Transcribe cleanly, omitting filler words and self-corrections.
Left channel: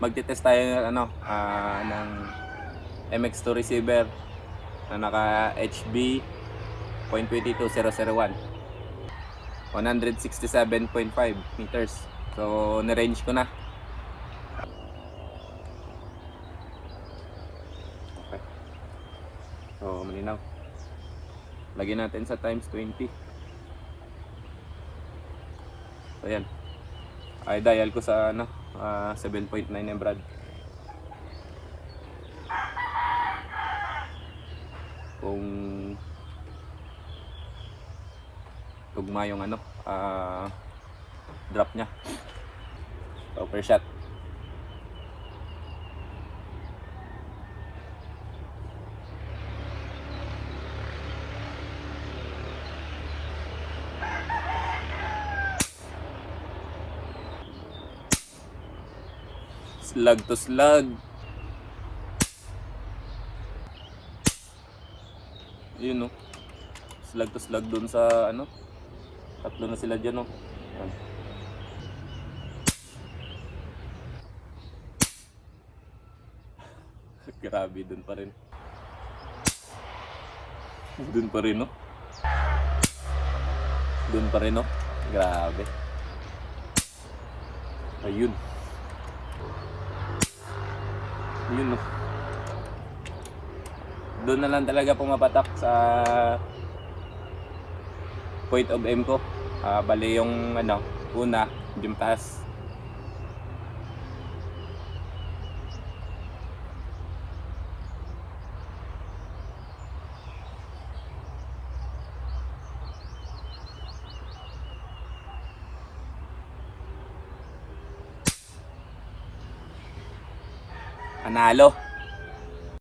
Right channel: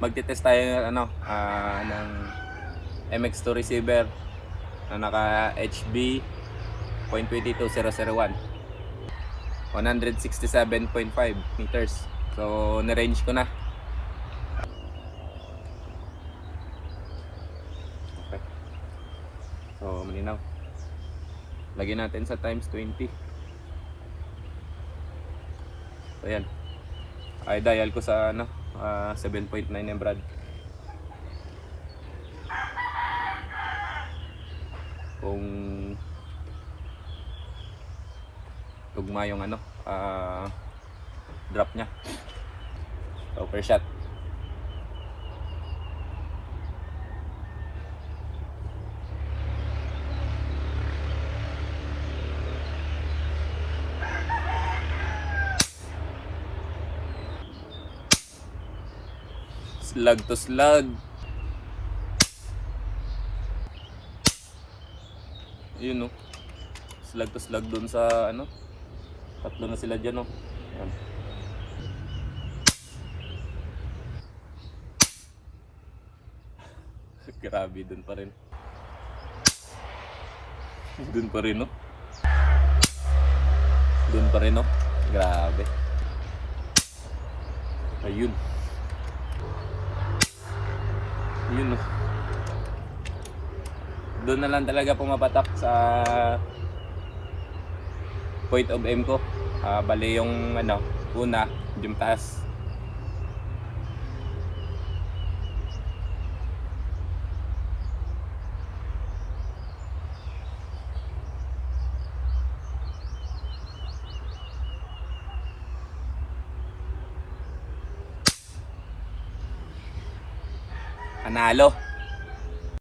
magte-test tayo ng MX2 receiver na naka HB .22001, 167.5 meters. So na-range ko na. Okay. So malinaw. Lagyan natin sa times 20. So yan. Ay dial ko sa 7.9 yung Brad. Kung tugma yung drop nya. So per shot. Slug to slug. Ayun no. Slug to slug dun sa tatlo na sila dyan no. Ayan. Grabe, dun pa rin. Dun pa rin no. Dun pa rin no. Grabe. Ayun. Ayun no. Doon na lang talaga pumapatak sa point of aim ko. Bali yung una, yung taas. Panalo.